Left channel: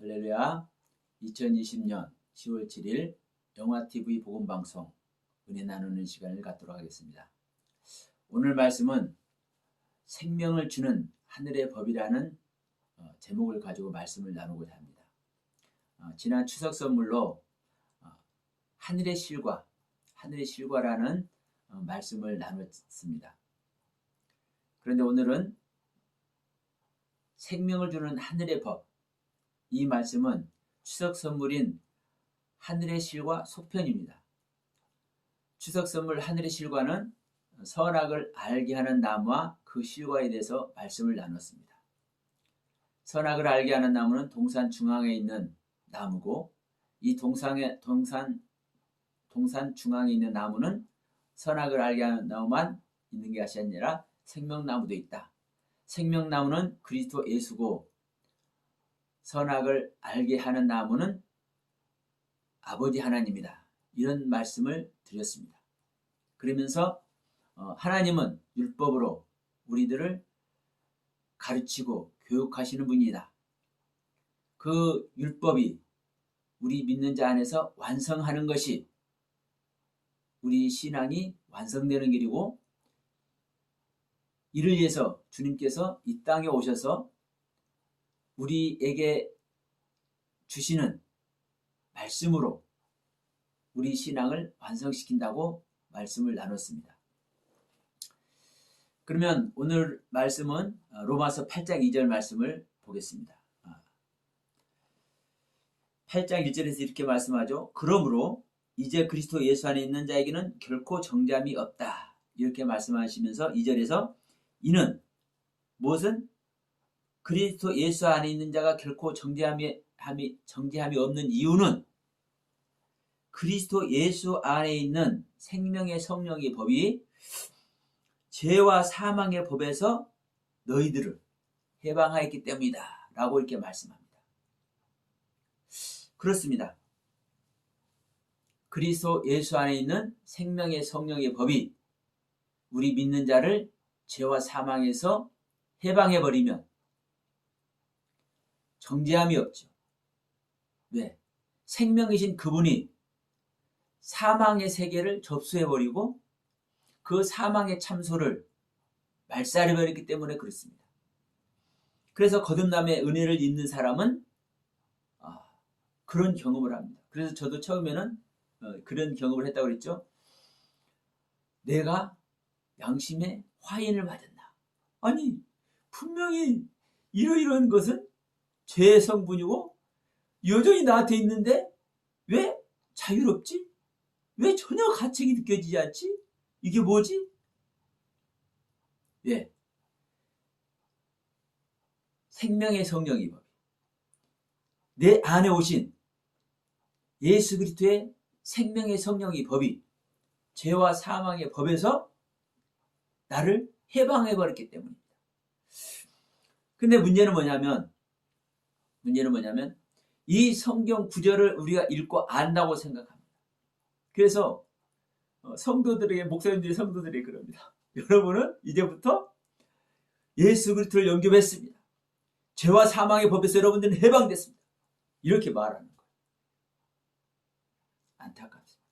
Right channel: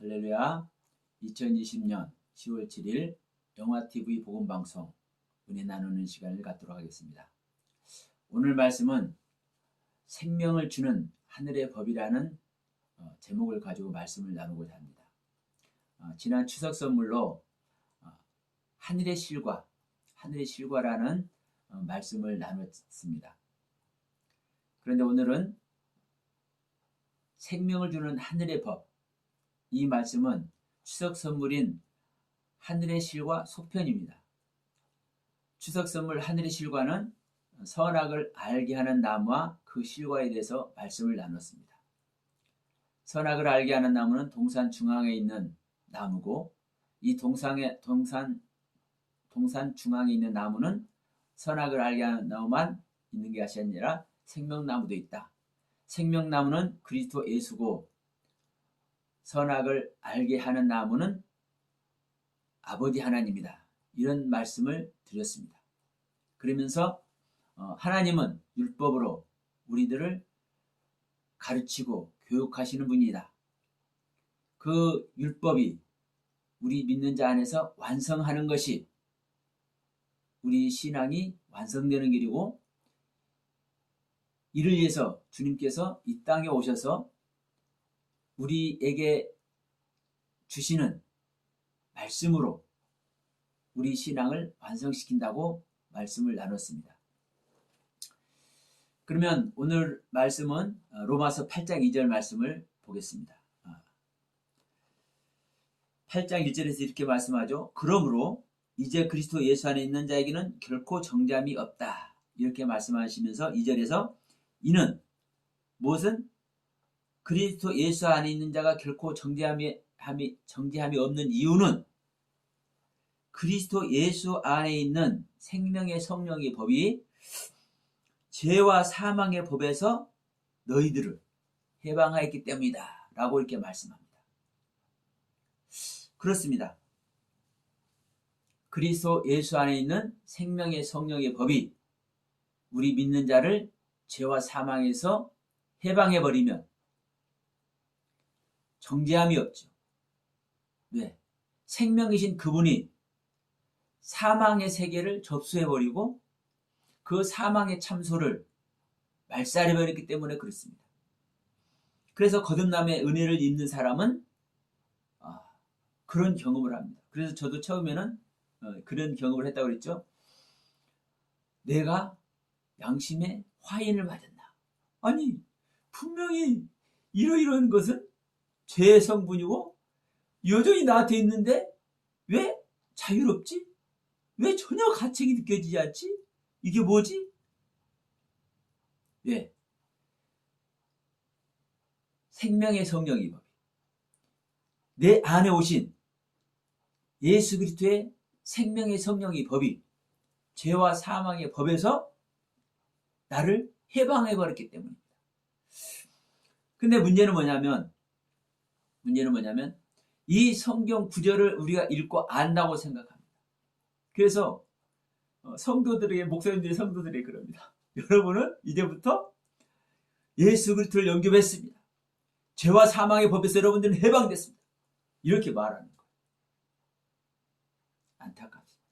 할렐루야. 2020년 10월 7일 영화TV 복음방송 은혜 나누는 시간을 갖도록 하겠습니다. 오늘 말씀은 생명을 주는 하늘의 법이라는 제목을 가지고 말씀을 나누고자 합니다. 지난 추석 선물로 하늘의 실과라는 말씀을 나눴습니다. 그런데 오늘은 생명을 주는 하늘의 법, 이 말씀은 추석 선물인 하늘의 실과 속편입니다. 추석 선물 하늘의 실과는 선악을 알게 하는 나무와 그 실과에 대해서 말씀을 나눴습니다. 선악을 알게 하는 나무는 동산 중앙에 있는 나무고, 이 동산 중앙에 있는 나무는 선악을 알게 하는 나무만 있는 것이 아니라 생명나무도 있다. 생명나무는 그리스도 예수고, 선악을 알게 하는 나무는 아버지 하나님이다. 이런 말씀을 드렸습니다. 그러면서 하나님은 율법으로 우리들을 가르치고 교육하시는 분이다. 그 율법이 우리 믿는 자 안에서 완성하는 것이 우리 신앙이 완성되는 길이고, 이를 위해서 주님께서 이 땅에 오셔서 우리에게 주시는 말씀으로 우리 신앙을 완성시킨다고 말씀을 나눴습니다. 그러면 오늘 말씀은 로마서 8장 2절 말씀을 보겠습니다. 8장 1절에서 이렇게 말씀하죠. 그러므로 이제 그리스도 예수 안에 있는 자에게는 결코 정죄함이 없다. 이렇게 말씀하시면서 2절에서 이는 무엇은 그리스도 예수 안에 있는 자가 결코 정죄함이 없는 이유는 그리스도 예수 안에 있는 생명의 성령의 법이 죄와 사망의 법에서 너희들을 해방하였기 때문이다 라고 이렇게 말씀합니다. 그렇습니다. 그리스도 예수 안에 있는 생명의 성령의 법이 우리 믿는 자를 죄와 사망에서 해방해버리면 정죄함이 없죠. 왜? 생명이신 그분이 사망의 세계를 접수해버리고 그 사망의 참소를 말살해버렸기 때문에 그렇습니다. 그래서 거듭남의 은혜를 입는 사람은 그런 경험을 합니다. 그래서 저도 처음에는 그런 경험을 했다고 그랬죠. 내가 양심의 화인을 맞았나? 아니, 분명히 이러이러한 것은 죄의 성분이고 여전히 나한테 있는데 왜 자유롭지? 왜 전혀 가책이 느껴지지 않지? 이게 뭐지? 왜? 생명의 성령이 내 안에 오신 예수 그리스도의 생명의 성령의 법이 죄와 사망의 법에서 나를 해방해버렸기 때문입니다. 근데 문제는 뭐냐면 이 성경 구절을 우리가 읽고 안다고 생각합니다. 그래서 목사님들이 성도들이 그럽니다. 여러분은 이제부터 예수 그리스도를 영접했습니다. 죄와 사망의 법에서 여러분들은 해방됐습니다. 이렇게 말하는 거예요. 안타깝습니다.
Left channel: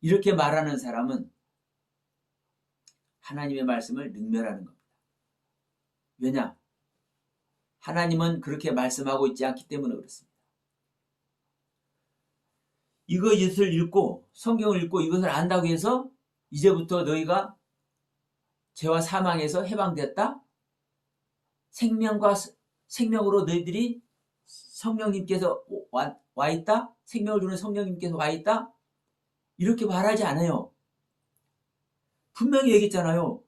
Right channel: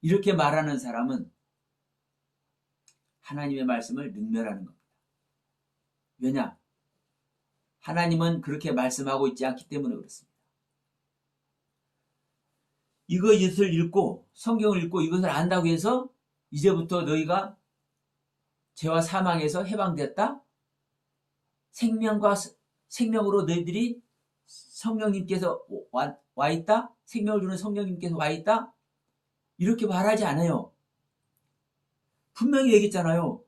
이렇게 말하는 사람은 하나님의 말씀을 능멸하는 겁니다. 왜냐? 하나님은 그렇게 말씀하고 있지 않기 때문에 그렇습니다. 이것을 읽고 성경을 읽고 이것을 안다고 해서 이제부터 너희가 죄와 사망에서 해방됐다? 생명으로 너희들이 성령님께서 와 있다? 생명을 주는 성령님께서 와 있다? 이렇게 말하지 않아요. 분명히 얘기했잖아요.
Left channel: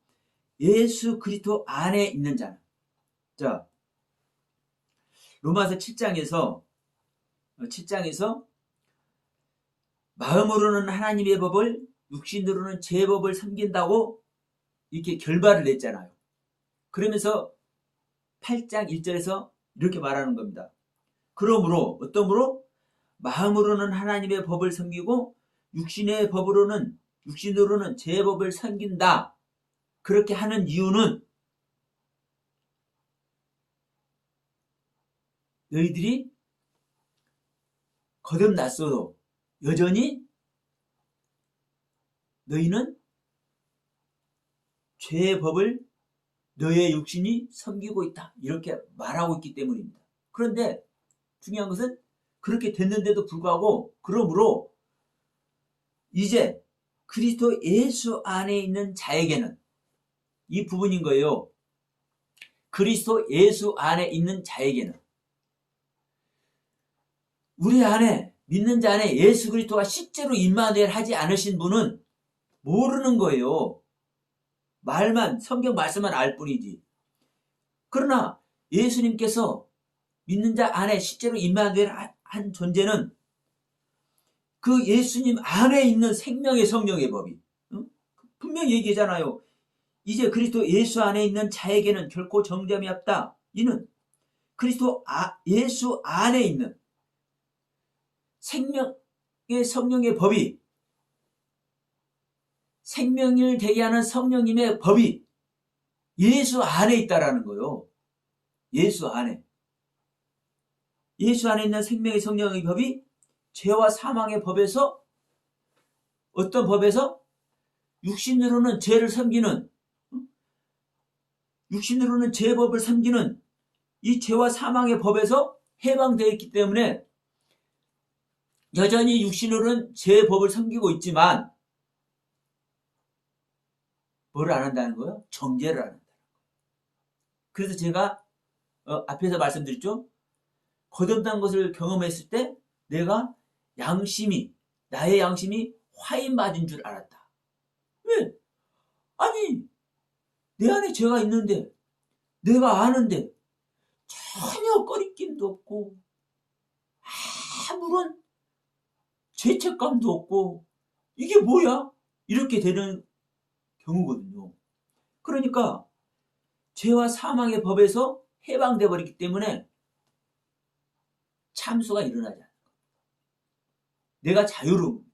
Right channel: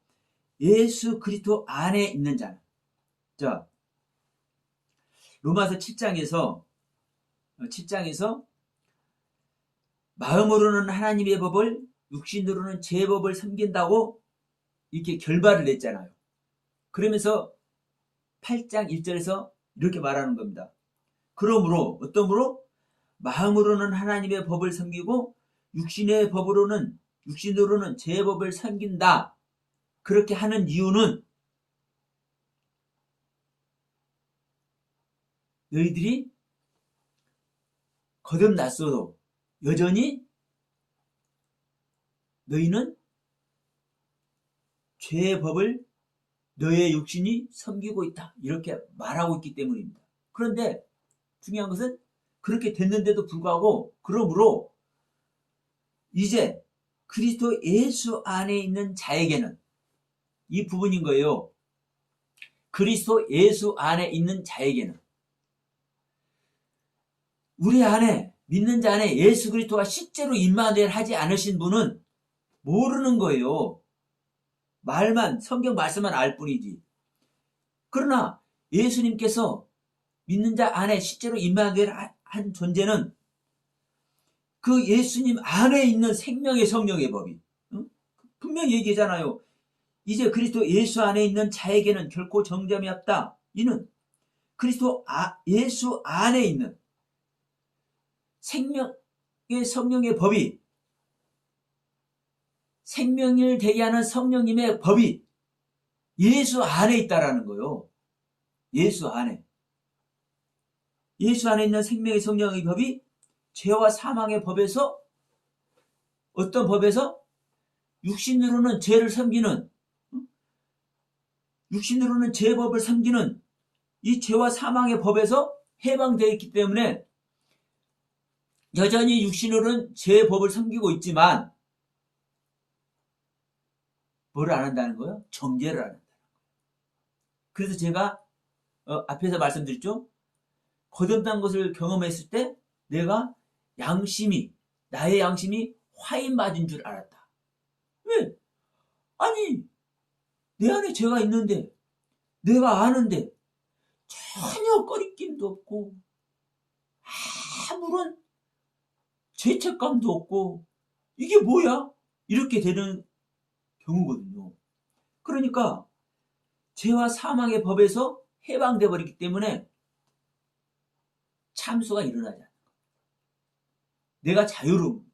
예수 그리스도 안에 있는 자는. 자, 로마서 7장에서 마음으로는 하나님의 법을, 육신으로는 제 법을 섬긴다고 이렇게 결말을 냈잖아요. 그러면서 8장 1절에서 이렇게 말하는 겁니다. 그러므로 어떠므로 마음으로는 하나님의 법을 섬기고 육신으로는 제 법을 섬긴다. 그렇게 하는 이유는 너희들이 거듭났어도 여전히 너희는 죄의 법을 너의 육신이 섬기고 있다. 이렇게 말하고 있기 때문입니다. 그런데 중요한 것은 그렇게 됐는데도 불구하고 그러므로 이제 그리스도 예수 안에 있는 자에게는 이 부분인 거예요. 그리스도 예수 안에 있는 자에게는 우리 안에 믿는 자 안에 예수 그리스도가 실제로 임마누엘 하지 않으신 분은 모르는 거예요. 말만 성경 말씀만 알 뿐이지. 그러나 예수님께서 믿는 자 안에 실제로 임마누엘 한 존재는 그 예수님 안에 있는 생명의 성령의 법이 분명히 얘기하잖아요. 이제 그리스도 예수 안에 있는 자에게는 결코 정죄함이 없다. 이는 그리스도 예수 안에 있는 생명의 성령의 법이 생명을 되게 하는 성령님의 법이 예수 안에 있다라는 거예요. 예수 안에. 예수 안에 있는 생명의 성령의 법이 죄와 사망의 법에서 어떤 법에서 육신으로는 죄를 섬기는 육신으로는 죄의 법을 섬기는 이 죄와 사망의 법에서 해방되어 있기 때문에 여전히 육신으로는 죄의 법을 섬기고 있지만 뭐를 안 한다는 거예요? 정죄를 안 한다는 거예요. 그래서 제가 앞에서 말씀드렸죠. 거듭난 것을 경험했을 때 내가 나의 양심이 화인 맞은 줄 알았다. 왜? 아니 내 안에 죄가 있는데 내가 아는데 전혀 꺼리낌도 없고 아무런 죄책감도 없고 이게 뭐야? 이렇게 되는 경우거든요. 그러니까 죄와 사망의 법에서 해방돼 버리기 때문에 참수가 일어나지 않는 거예요. 내가 자유로움,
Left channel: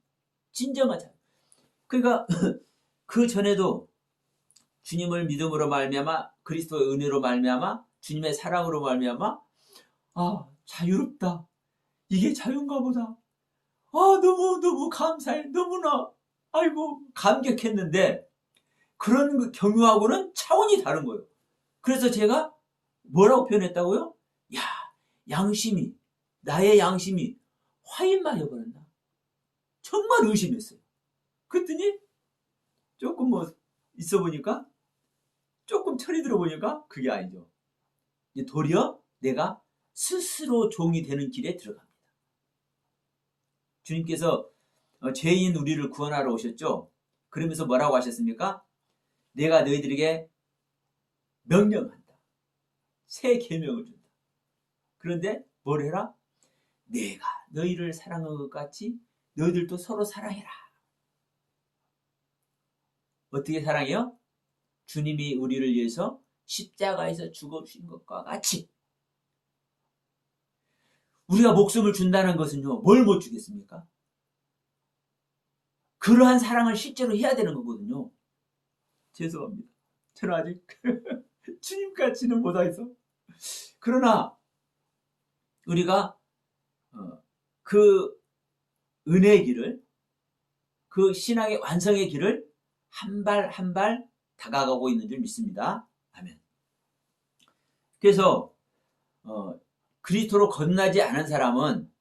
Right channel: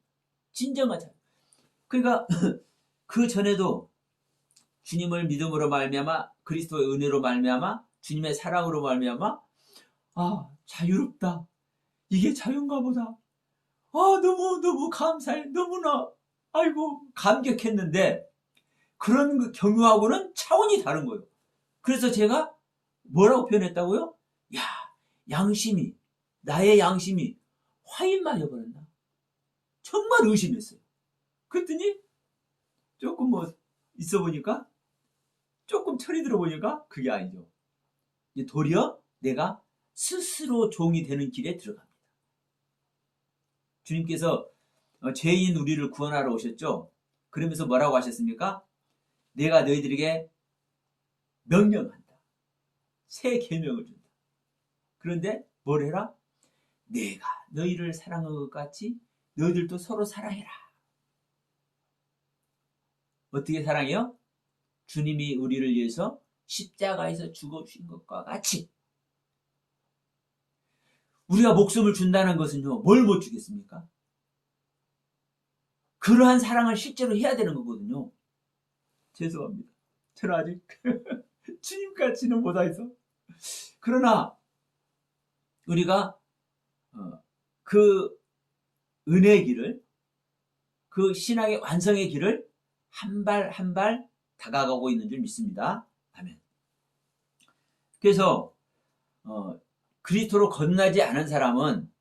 진정한 자유. 그러니까 그 전에도 주님을 믿음으로 말미암아 그리스도의 은혜로 말미암아 주님의 사랑으로 말미암아 자유롭다. 이게 자유인가 보다. 너무 감사해. 너무나 아이고 감격했는데 그런 경유하고는 차원이 다른 거예요. 그래서 제가 뭐라고 표현했다고요? 나의 양심이 화인만 해버렸나? 정말 의심했어요. 그랬더니 조금 있어 보니까 조금 철이 들어보니까 그게 아니죠. 도리어 내가 스스로 종이 되는 길에 들어갑니다. 주님께서 죄인 우리를 구원하러 오셨죠. 그러면서 뭐라고 하셨습니까? 내가 너희들에게 명령한다. 새 계명을 준다. 그런데 뭘 해라? 내가 너희를 사랑한 것 같이 너희들도 서로 사랑해라. 어떻게 사랑해요? 주님이 우리를 위해서 십자가에서 죽어주신 것과 같이. 우리가 목숨을 준다는 것은요, 뭘 못 주겠습니까? 그러한 사랑을 실제로 해야 되는 거거든요. 죄송합니다. 저는 아직 주님같이는 못해서. 그러나 우리가 그 은혜의 길을, 그 신앙의 완성의 길을 한 발 한 발 다가가고 있는 줄 믿습니다. 아멘. 그래서 그리스도로 거듭나지 않은 사람은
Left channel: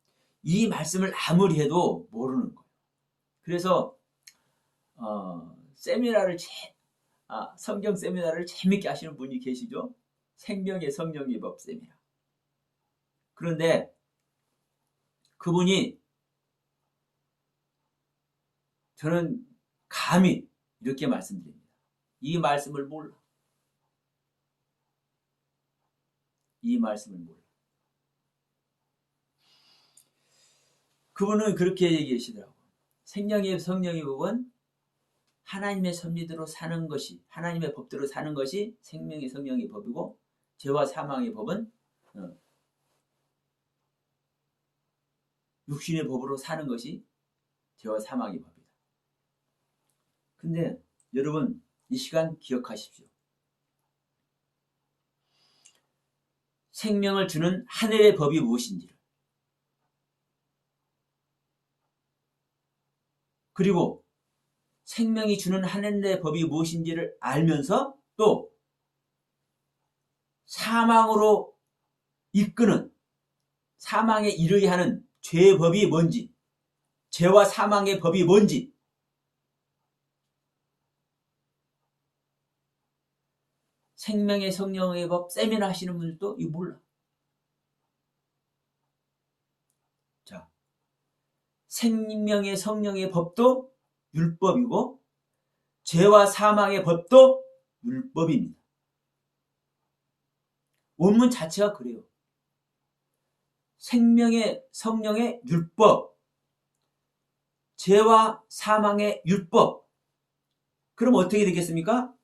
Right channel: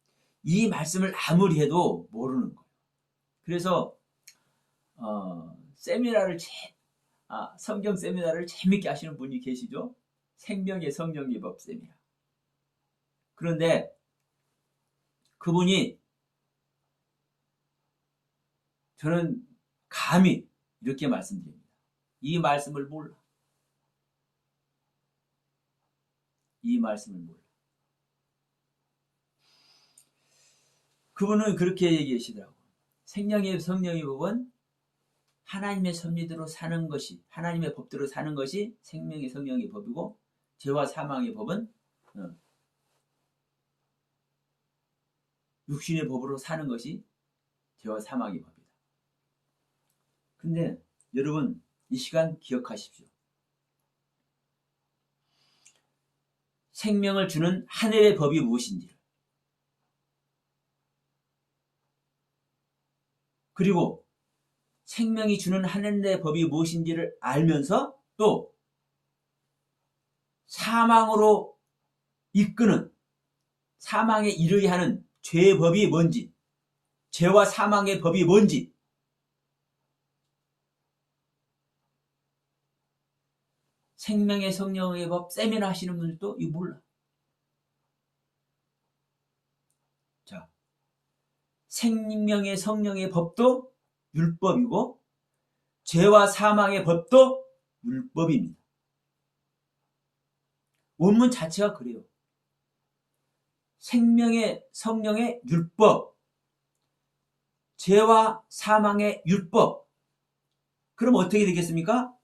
이 말씀을 아무리 해도 모르는 거예요. 그래서 성경 세미나를 재밌게 하시는 분이 계시죠. 생명의 성령의 법 세미나. 그런데 그분이 저는 감히 이렇게 말씀드립니다. 이 말씀을 몰라. 그분은 그렇게 얘기하시더라고요. 생명의 성령의 법은 하나님의 섭리대로 사는 것이, 하나님의 법대로 사는 것이 생명의 성령의 법이고, 죄와 사망의 법은 육신의 법으로 사는 것이 죄와 사망의 법이다. 근데 여러분, 이 시간 기억하십시오. 생명을 주는 하늘의 법이 무엇인지, 그리고 생명이 주는 하늘의 법이 무엇인지를 알면서 또 사망으로 이끄는, 사망에 이르게 하는 죄의 법이 뭔지, 죄와 사망의 법이 뭔지, 생명의 성령의 법 세미나 하시는 분들도 이거 몰라. 자, 생명의 성령의 법도 율법이고 죄와 사망의 법도 율법입니다. 원문 자체가 그래요. 생명의 성령의 율법, 죄와 사망의 율법. 그럼 어떻게 되겠습니까?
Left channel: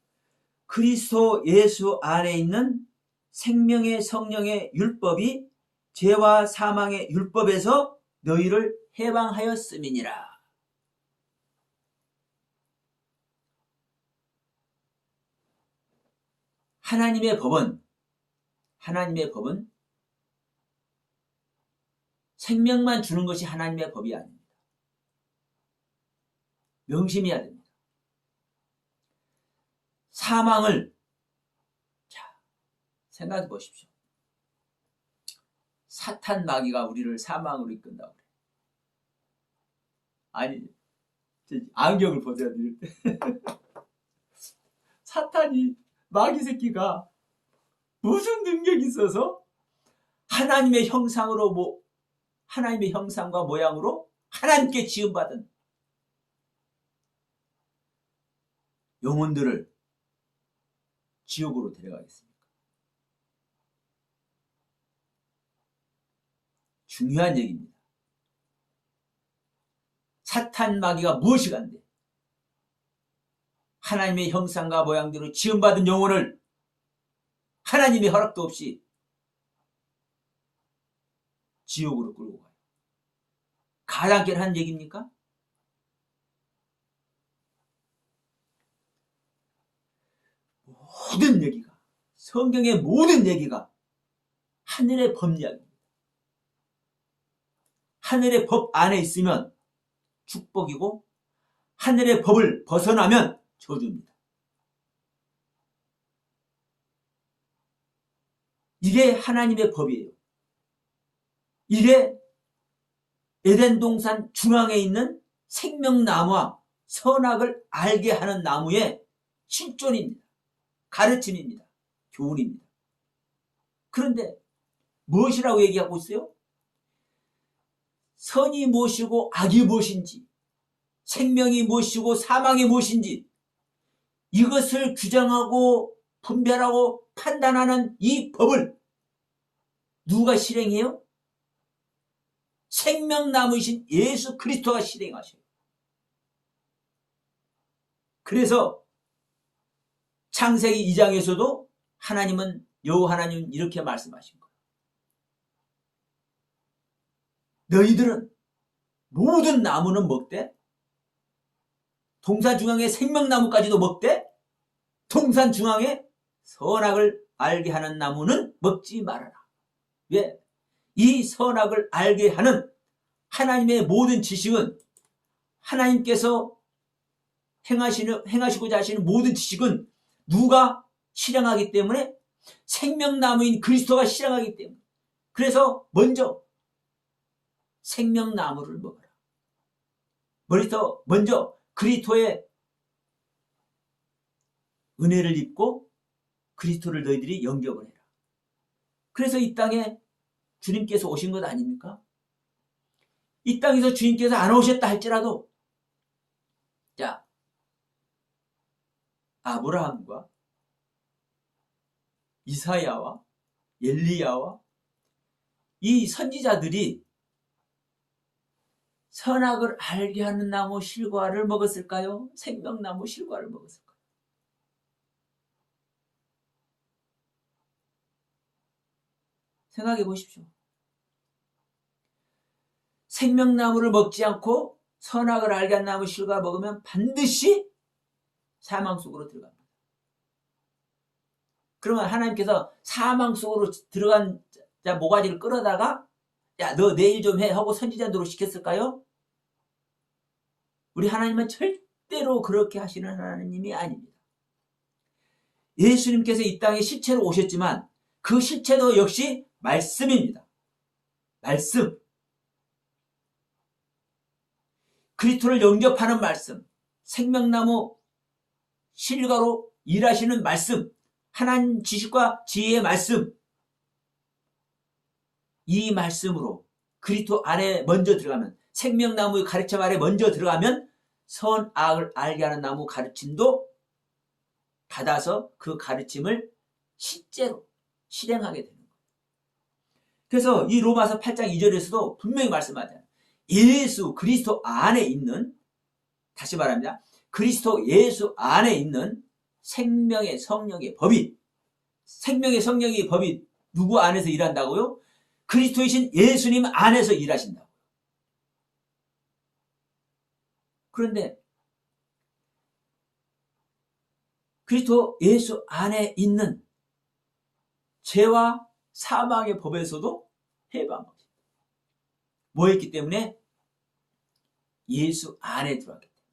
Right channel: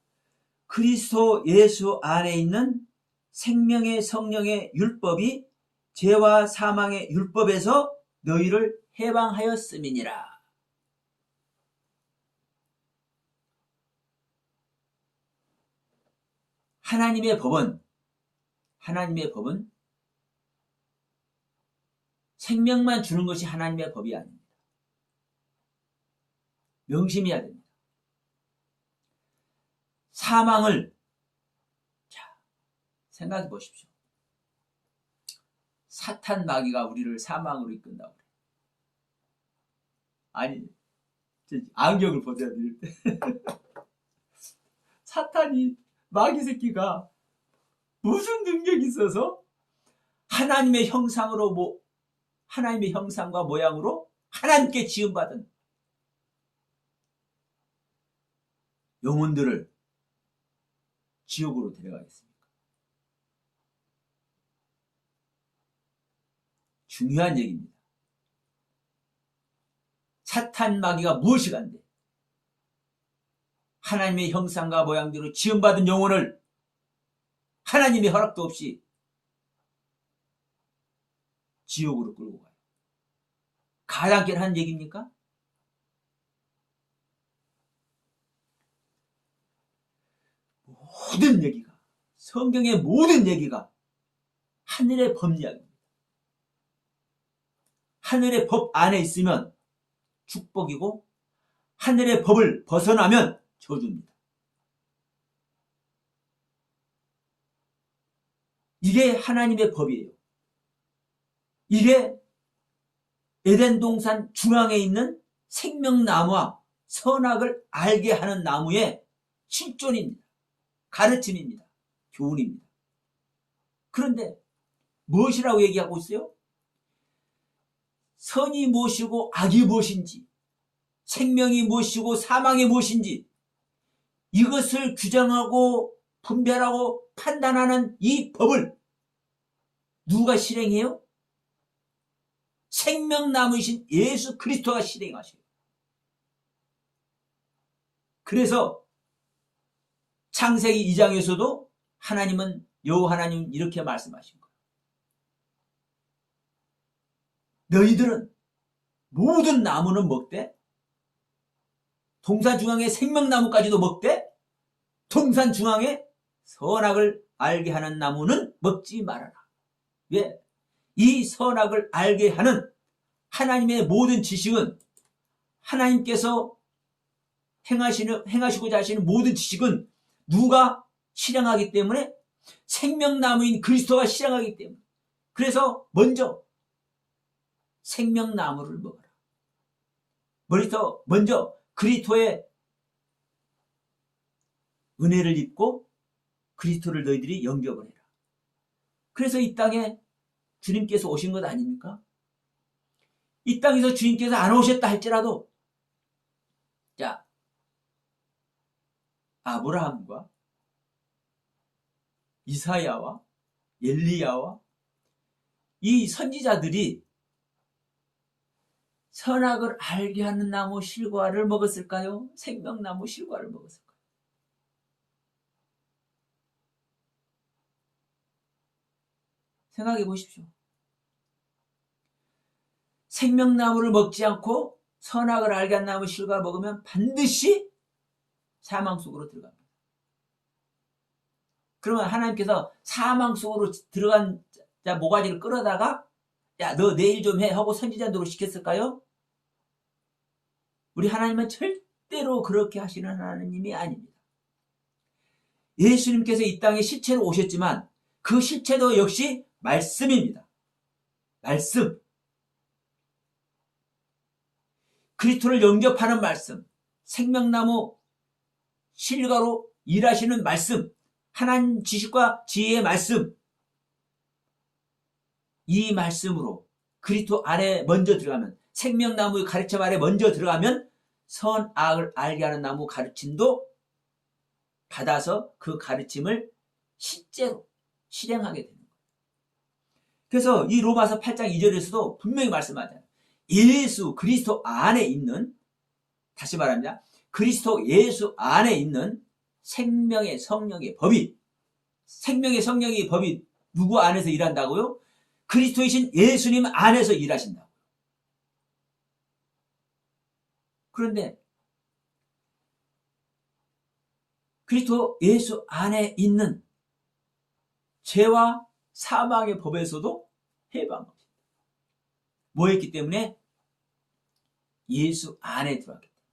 그리스도 예수 안에 있는 생명의 성령의 율법이 죄와 사망의 율법에서 너희를 해방하였음이니라. 하나님의 법은 생명만 주는 것이 하나님의 법이 아닙니다. 명심해야 됩니다. 사망을, 자, 생각해 보십시오. 사탄 마귀가 우리를 사망으로 이끈다고 그래요. 아니, 안경을 벗어야 될 때. 사탄이, 마귀 새끼가 무슨 능력이 있어서 하나님의 형상으로, 하나님의 형상과 모양으로 하나님께 지음받은 영혼들을 지옥으로 데려가겠습니까? 중요한 얘기입니다. 사탄 마귀가 무엇이 간대? 하나님의 형상과 모양대로 지음받은 영혼을 하나님의 허락도 없이 지옥으로 끌고 가요. 가당키는 한 얘기입니까? 모든 얘기가, 성경의 모든 얘기가 하늘의 법 이야기입니다. 하늘의 법 안에 있으면 축복이고 하늘의 법을 벗어나면 저주입니다. 이게 하나님의 법이에요. 이게 에덴 동산 중앙에 있는 생명나무와 선악을 알게 하는 나무의 실존입니다. 가르침입니다. 교훈입니다. 그런데 무엇이라고 얘기하고 있어요? 선이 무엇이고 악이 무엇인지, 생명이 무엇이고 사망이 무엇인지, 이것을 규정하고 분별하고 판단하는 이 법을 누가 실행해요? 생명나무이신 예수 그리스도가 실행하셔요. 그래서 창세기 2장에서도 하나님은, 여호와 하나님은 이렇게 말씀하신 거예요. 너희들은 모든 나무는 먹되, 동산 중앙에 생명나무까지도 먹되, 동산 중앙에 선악을 알게 하는 나무는 먹지 말아라. 왜? 이 선악을 알게 하는 하나님의 모든 지식은, 하나님께서 행하시고자 하시는 모든 지식은 누가 실행하기 때문에? 생명나무인 그리스도가 실행하기 때문에. 그래서 먼저 생명나무를 먹어라. 먼저 그리스도의 은혜를 입고 그리스도를 너희들이 영접을 해라. 그래서 이 땅에 주님께서 오신 것 아닙니까? 이 땅에서 주님께서 안 오셨다 할지라도, 자, 아브라함과 이사야와 엘리야와 이 선지자들이 선악을 알게 하는 나무 실과를 먹었을까요? 생명나무 실과를 먹었을까요? 생각해 보십시오. 생명나무를 먹지 않고 선악을 알게 한 나무 실과를 먹으면 반드시 사망 속으로 들어갑니다. 그러면 하나님께서 사망 속으로 들어간 자, 모가지를 끌어다가 야, 너 내일 좀 해 하고 선지자 노릇 시켰을까요? 우리 하나님은 절대로 그렇게 하시는 하나님이 아닙니다. 예수님께서 이 땅에 실체로 오셨지만 그 실체도 역시 말씀입니다. 말씀. 그리스도를 영접하는 말씀. 생명나무 실과로 일하시는 말씀. 하나님 지식과 지혜의 말씀. 이 말씀으로 그리스도 안에 먼저 들어가면, 생명나무의 가르침 아래 먼저 들어가면 선악을 알게 하는 나무 가르침도 받아서 그 가르침을 실제로 실행하게 되는 거예요. 그래서 이 로마서 8장 2절에서도 분명히 말씀하잖아요. 예수 그리스도 안에 있는, 다시 말합니다. 그리스도 예수 안에 있는 생명의 성령의 법이, 생명의 성령의 법이 누구 안에서 일한다고요? 그리스도이신 예수님 안에서 일하신다고. 그런데 그리스도 예수 안에 있는 죄와 사망의 법에서도 해방합니다. 뭐였기 때문에? 예수 안에 들어왔기 때문에.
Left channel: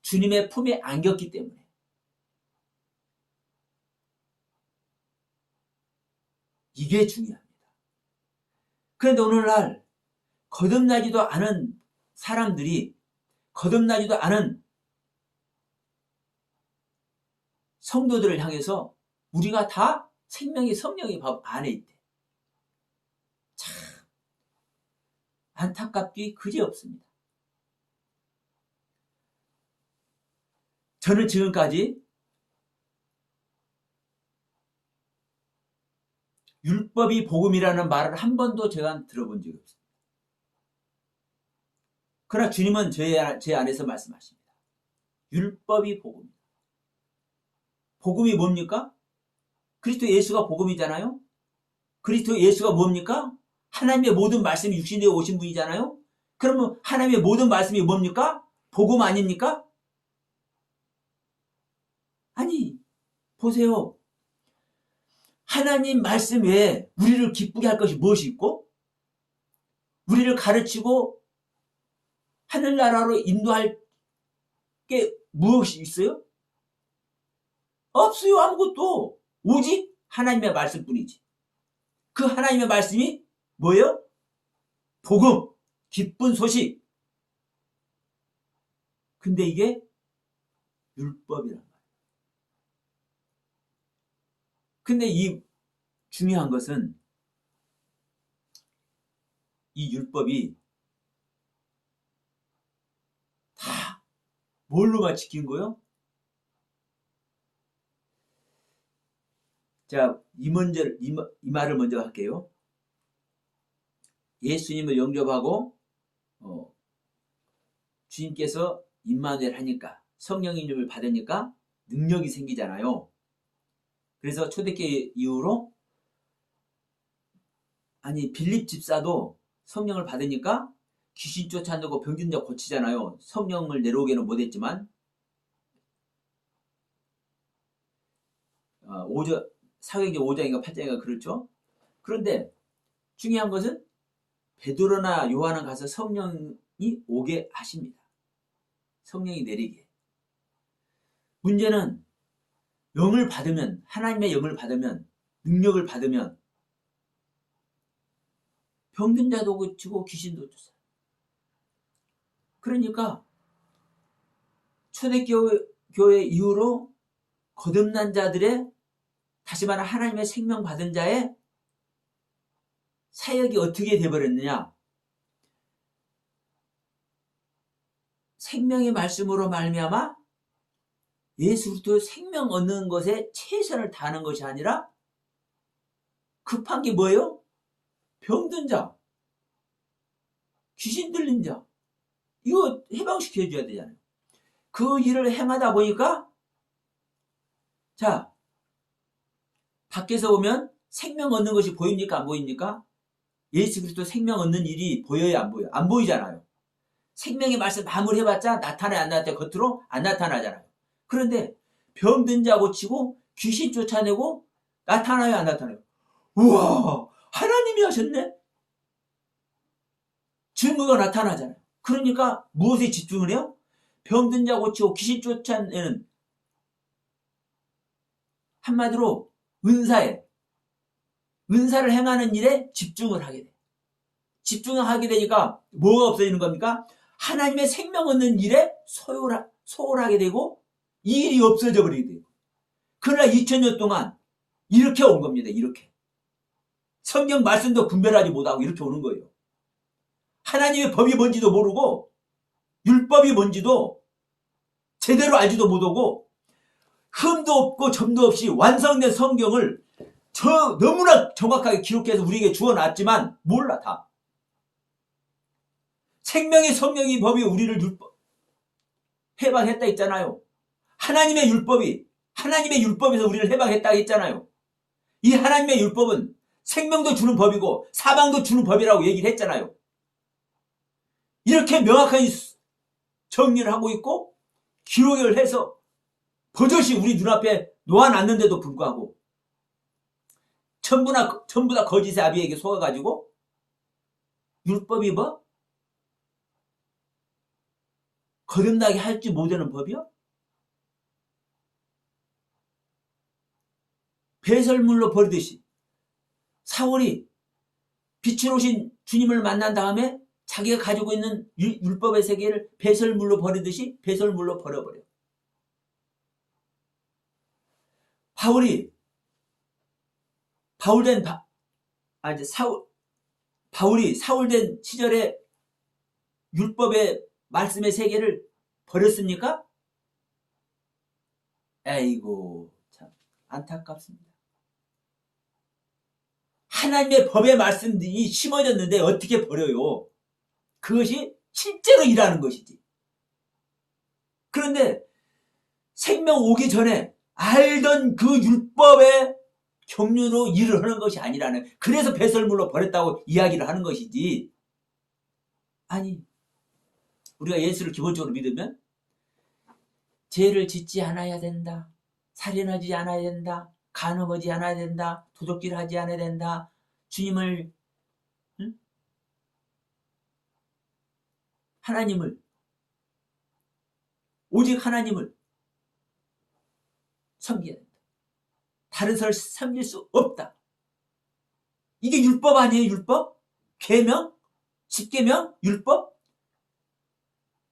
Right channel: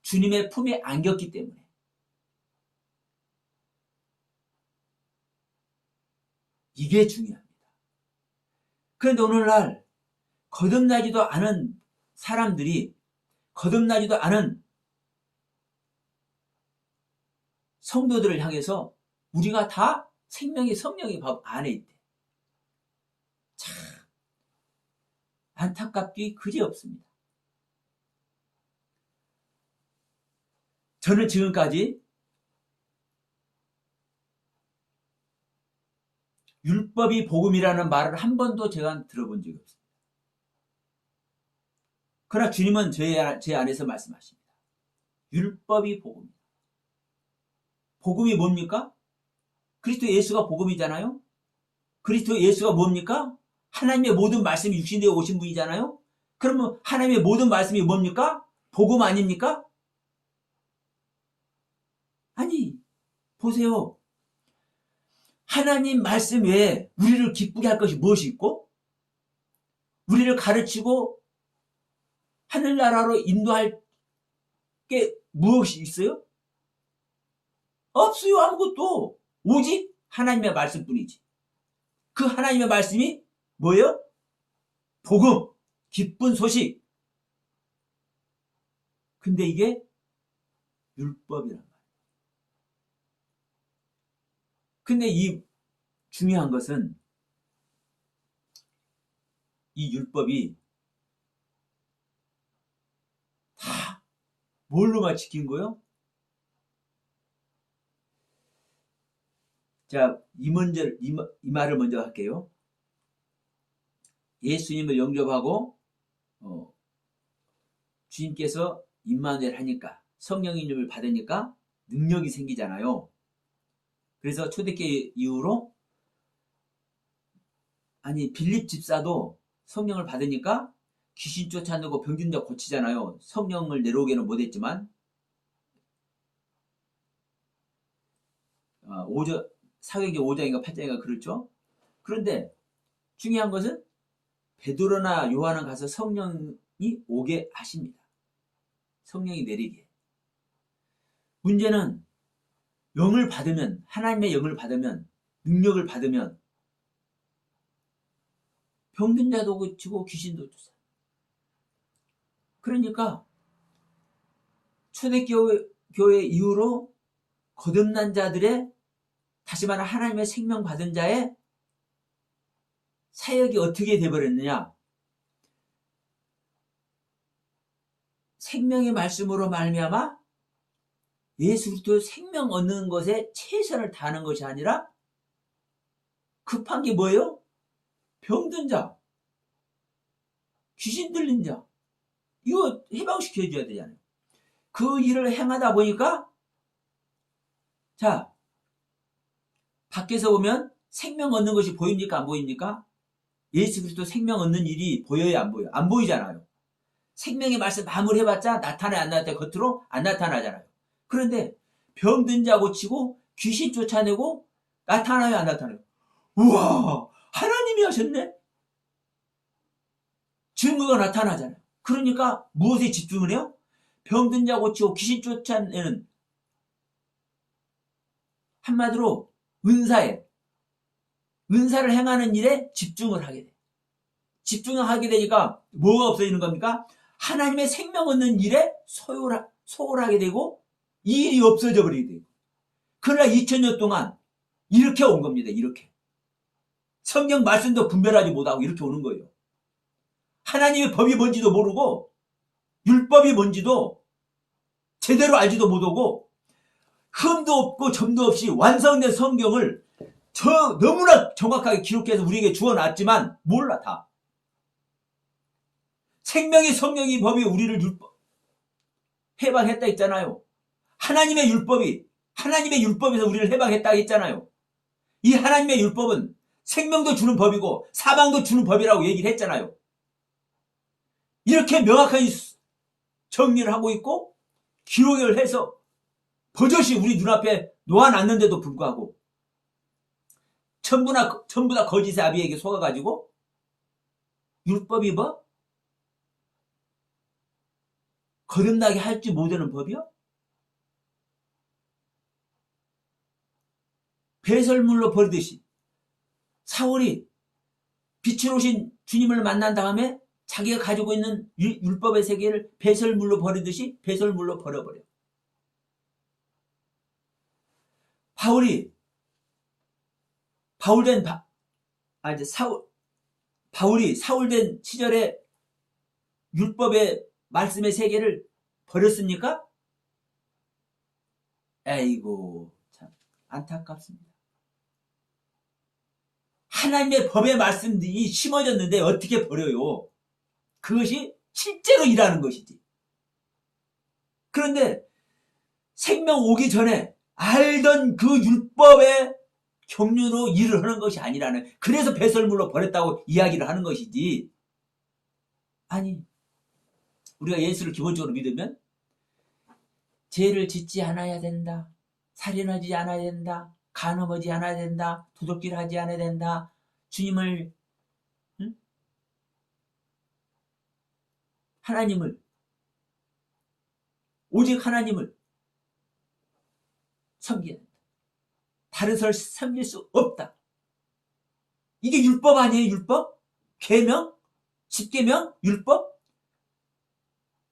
주님의 품에 안겼기 때문에. 이게 중요합니다. 그런데 오늘날 거듭나지도 않은 사람들이, 거듭나지도 않은 성도들을 향해서 우리가 다 생명의 성령의 법 안에 있대. 참 안타깝기 그지없습니다. 저는 지금까지 율법이 복음이라는 말을 한 번도 제가 들어본 적이 없습니다. 그러나 주님은 제 안에서 말씀하십니다. 율법이 복음이다. 복음이 뭡니까? 그리스도 예수가 복음이잖아요. 그리스도 예수가 뭡니까? 하나님의 모든 말씀이 육신되어 오신 분이잖아요. 그러면 하나님의 모든 말씀이 뭡니까? 복음 아닙니까? 아니, 보세요. 하나님 말씀 외에 우리를 기쁘게 할 것이 무엇이 있고, 우리를 가르치고 하늘나라로 인도할 게 무엇이 있어요? 없어요. 아무것도. 오직 하나님의 말씀뿐이지. 그 하나님의 말씀이 뭐예요? 복음, 기쁜 소식. 근데 이게 율법이란 말이에요. 근데 이 중요한 것은 이 율법이 다 뭘로만 지킨 거예요? 자, 이 말을 먼저 할게요. 예수님을 영접하고 주님께서 임마누엘 하니까, 성령의 이름을 받으니까 능력이 생기잖아요. 그래서 초대교회 이후로, 아니 빌립 집사도 성령을 받으니까 귀신 쫓아내고 병든 자 고치잖아요. 성령을 내려오게는 못했지만. 사도행전 5장인가 8장인가 그렇죠. 그런데 중요한 것은 베드로나 요한은 가서 성령이 오게 하십니다. 성령이 내리게. 문제는 영을 받으면, 하나님의 영을 받으면, 능력을 받으면 병든 자도 고치고 귀신도 쫓아요. 그러니까 초대교회 이후로 거듭난 자들의, 다시 말해 하나님의 생명 받은 자의 사역이 어떻게 되어버렸느냐? 생명의 말씀으로 말미암아 예수 그리스도의 생명 얻는 것에 최선을 다하는 것이 아니라 급한 게 뭐예요? 병든 자, 귀신 들린 자, 이거 해방시켜줘야 되잖아요. 그 일을 행하다 보니까, 자, 밖에서 보면 생명 얻는 것이 보입니까? 안 보입니까? 예수 그리스도 생명 얻는 일이 보여요? 안 보여요? 안 보이잖아요. 생명의 말씀 아무리 해봤자 나타나요? 안 나타나요? 겉으로 안 나타나잖아요. 그런데 병든 자 고치고 귀신 쫓아내고 나타나요? 안 나타나요? 우와, 하나님이 하셨네? 증거가 나타나잖아요. 그러니까 무엇에 집중을 해요? 병든 자 고치고 귀신 쫓아내는, 한마디로 은사를 행하는 일에 집중을 하게 돼요. 집중을 하게 되니까 뭐가 없어지는 겁니까? 하나님의 생명 얻는 일에 소홀하게 되고 이 일이 없어져 버리게 돼요. 그러나 2000년 동안 이렇게 온 겁니다. 이렇게. 성경 말씀도 분별하지 못하고 이렇게 오는 거예요. 하나님의 법이 뭔지도 모르고 율법이 뭔지도 제대로 알지도 못하고 흠도 없고 점도 없이 완성된 성경을 너무나 정확하게 기록해서 우리에게 주어놨지만 몰라 다. 생명의 성령의 법이 우리를 해방했다 했잖아요. 하나님의 율법에서 우리를 해방했다 했잖아요. 이 하나님의 율법은 생명도 주는 법이고 사망도 주는 법이라고 얘기를 했잖아요. 이렇게 명확하게 정리를 하고 있고 기록을 해서 버젓이 우리 눈앞에 놓아놨는데도 불구하고 전부 다 거짓의 아비에게 속아가지고 율법이 뭐? 거듭나게 할지 못하는 법이요? 배설물로 버리듯이 사울이 빛으로 오신 주님을 만난 다음에 자기가 가지고 있는 율법의 세계를 배설물로 버리듯이 배설물로 버려버려요. 바울이 사울된 시절에 율법의 말씀의 세계를 버렸습니까? 에이고 참 안타깝습니다. 하나님의 법의 말씀들이 심어졌는데 어떻게 버려요? 그것이 실제로 일하는 것이지. 그런데 생명 오기 전에 알던 그 율법의 경륜으로 일을 하는 것이 아니라는, 그래서 배설물로 버렸다고 이야기를 하는 것이지. 아니, 우리가 예수를 기본적으로 믿으면 죄를 짓지 않아야 된다, 살인하지 않아야 된다, 간음하지 않아야 된다, 도둑질 하지 않아야 된다, 주님을 오직 하나님을 섬겨야 된다. 다른 사람을 섬길 수 없다. 이게 율법 아니에요? 율법? 계명? 10계명? 율법?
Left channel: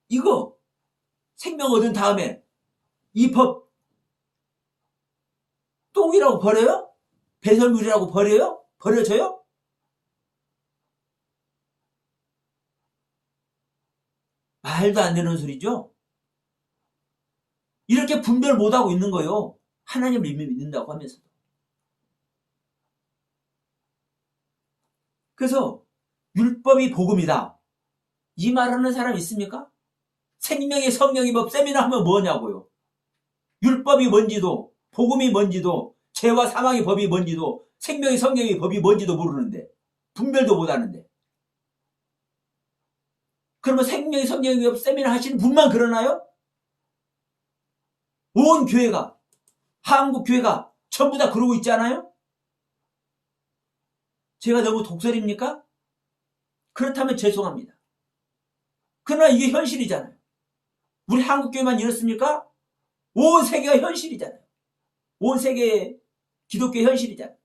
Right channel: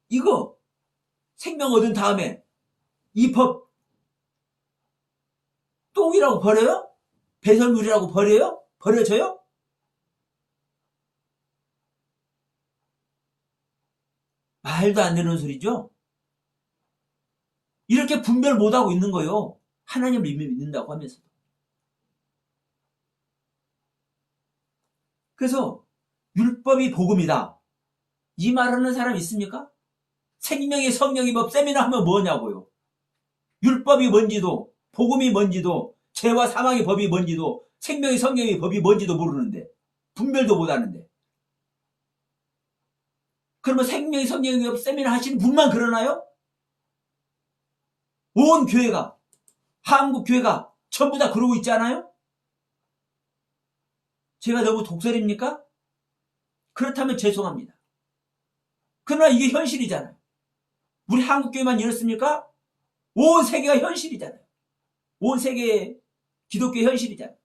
이거 생명 얻은 다음에 이 법 똥이라고 버려요? 배설물이라고 버려요? 버려져요? 말도 안 되는 소리죠? 이렇게 분별 못하고 있는 거예요. 하나님을 이미 믿는다고 하면서도. 그래서 율법이 복음이다, 이 말하는 사람 있습니까? 생명의 성령의 법 세미나 하면 뭐냐고요. 율법이 뭔지도 복음이 뭔지도 죄와 사망의 법이 뭔지도 생명의 성령의 법이 뭔지도 모르는데, 분별도 못하는데, 그러면 생명의 성령의 법 세미나 하시는 분만 그러나요? 온 교회가, 한국 교회가 전부 다 그러고 있지 않아요? 제가 너무 독설입니까? 그렇다면 죄송합니다. 그러나 이게 현실이잖아요. 우리 한국 교회만 이렇습니까? 온 세계가 현실이잖아요. 온 세계의 기독교 현실이잖아요.